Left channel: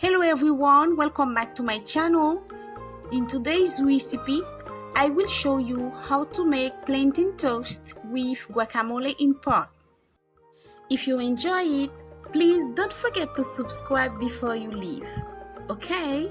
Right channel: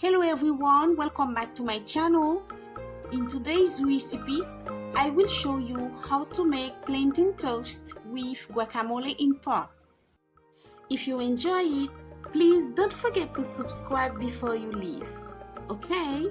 Hello everyone, welcome back to my channel. In today's recipe, I will show you how to make plantain toast with guacamole and pork. If you enjoy it, please don't forget to subscribe before you leave, okay?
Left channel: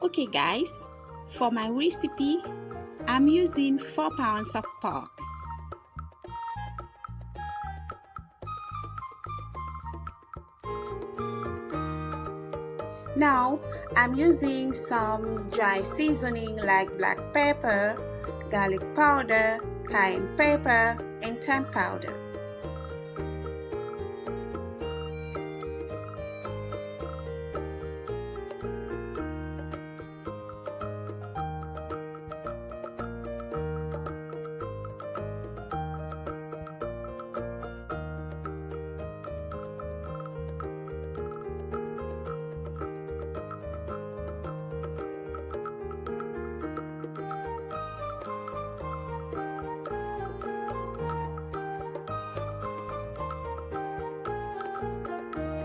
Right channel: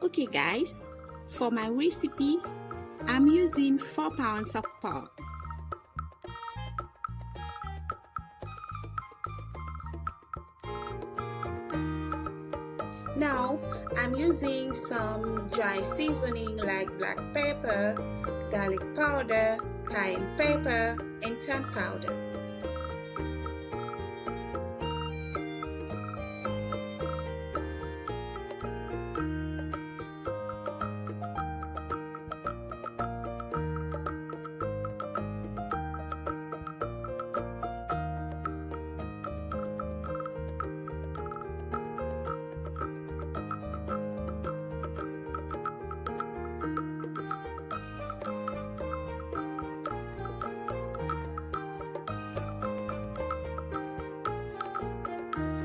Okay guys, for my recipe, I'm using 4 pounds of pork. Now, I'm using some dry seasoning like black pepper, garlic powder, cayenne pepper, and thyme powder.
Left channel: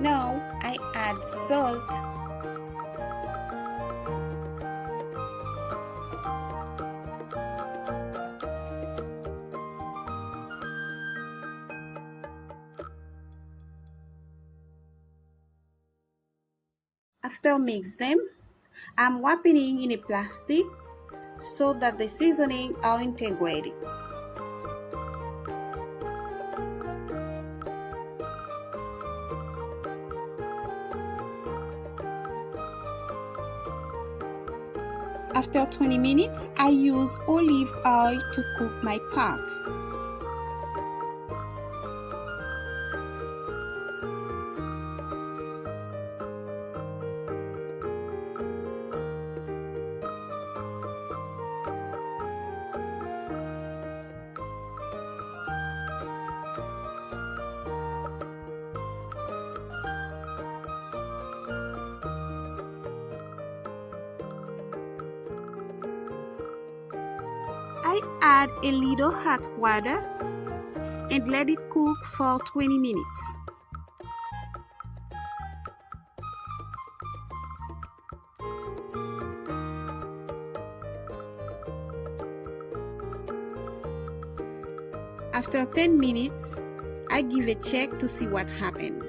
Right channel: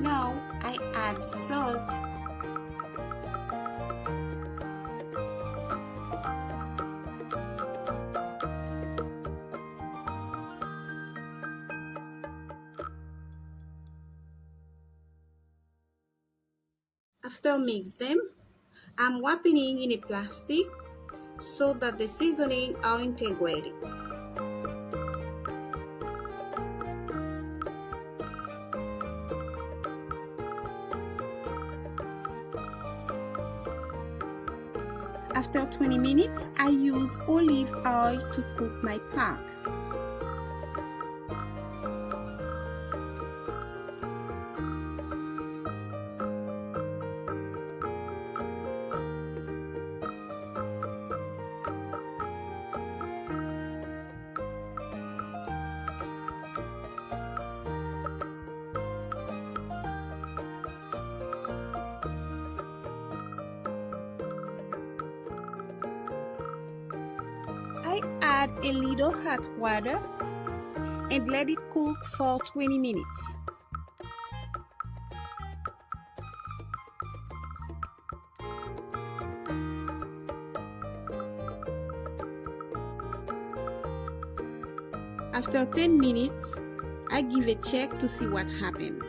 Now I add salt, after mix them, I'm wrapping it in a plastic so that the seasoning are integrated. After 20 minutes, I use olive oil to cook my pork. I add a little hot water and let it cook for 20 minutes. After 10 minutes, I give a check to see what happened.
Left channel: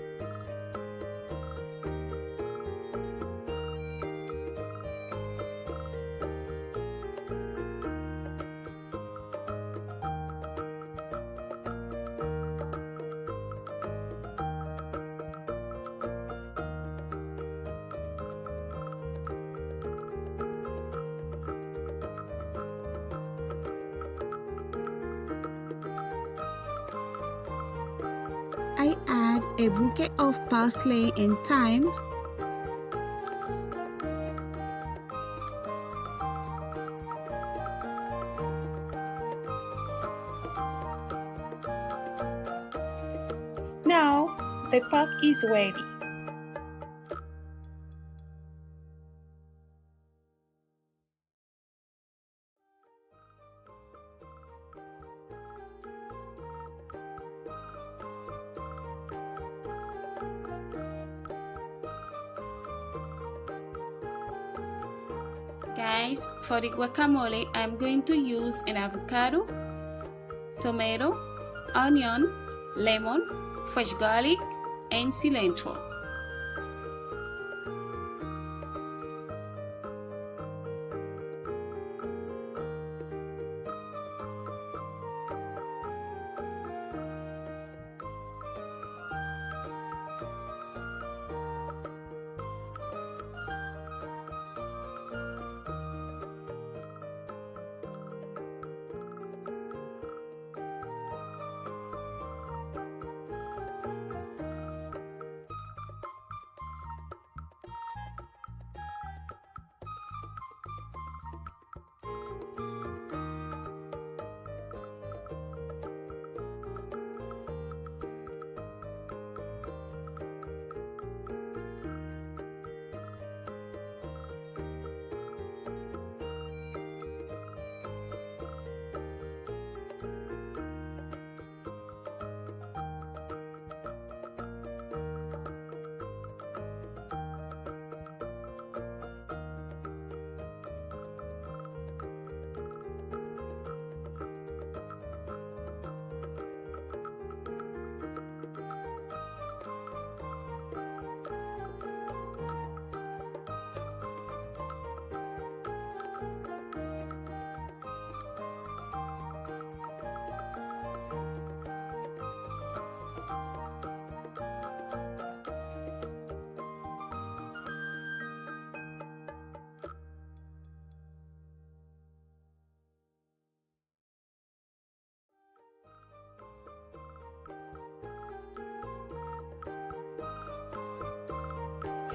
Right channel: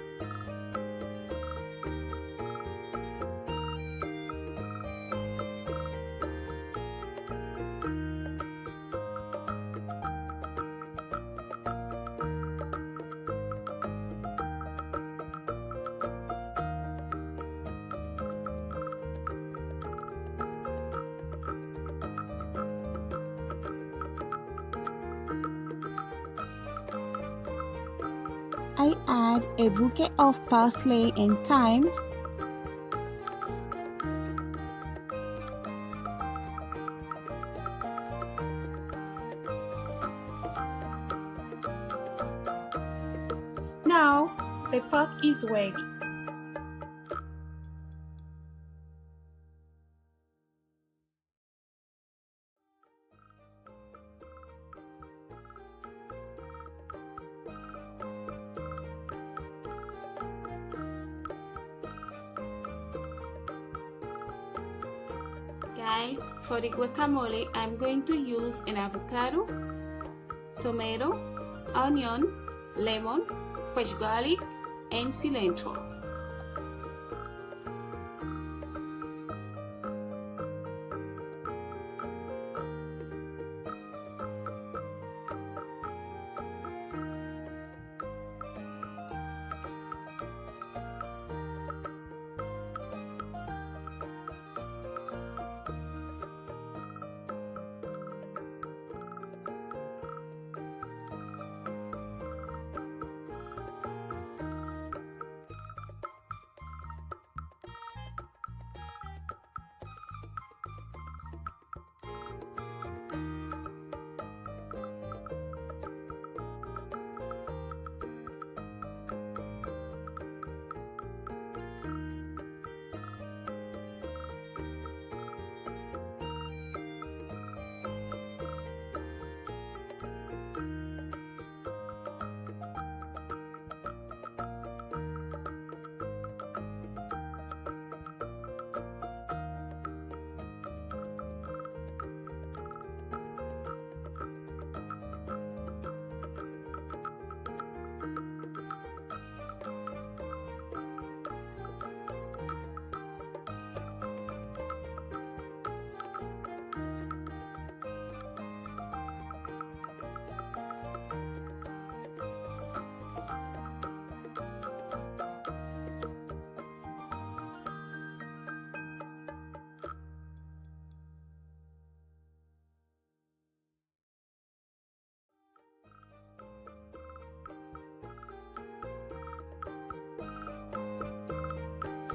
I add a bouquet of parsley and thyme. Now the pork is ready. Guys, for the guacamole, I'm going to use an avocado, tomato, onion, lemon, fresh garlic, and cilantro.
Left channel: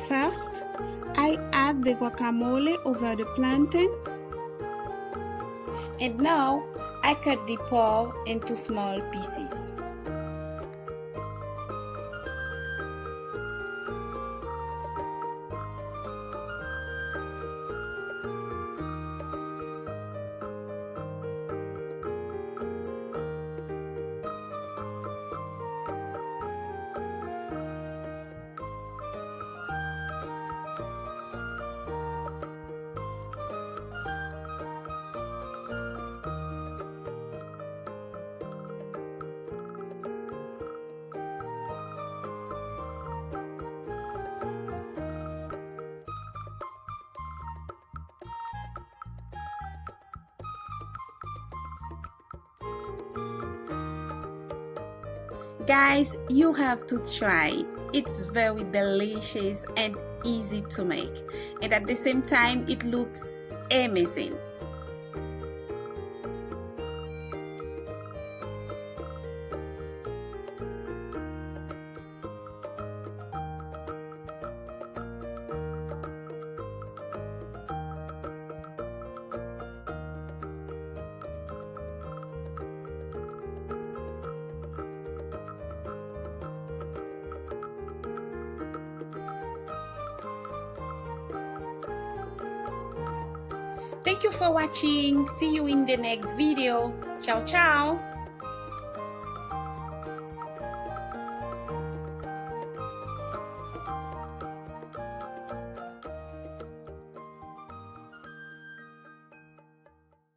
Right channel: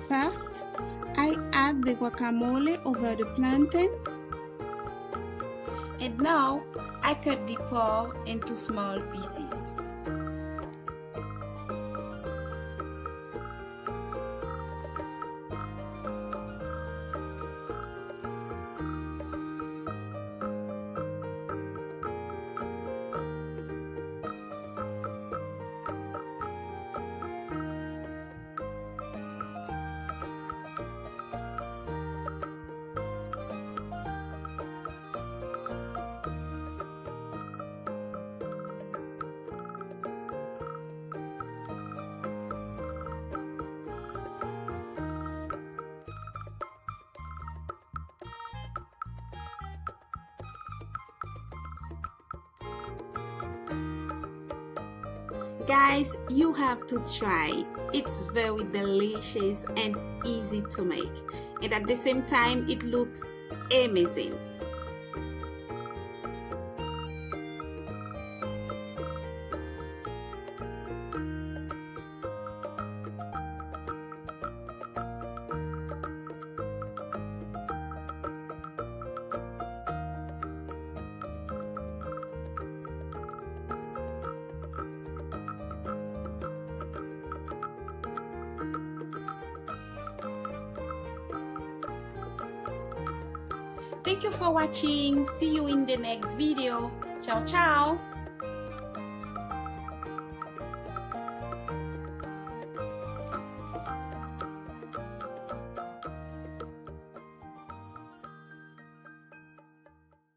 First, I add the guacamole over the plantain, and now I cut the pork into small pieces. Guys, you have to try. It's very delicious and easy to make, and at the same time it looks amazing. Thank you for watching. See you in the next video. Ciao, ciao.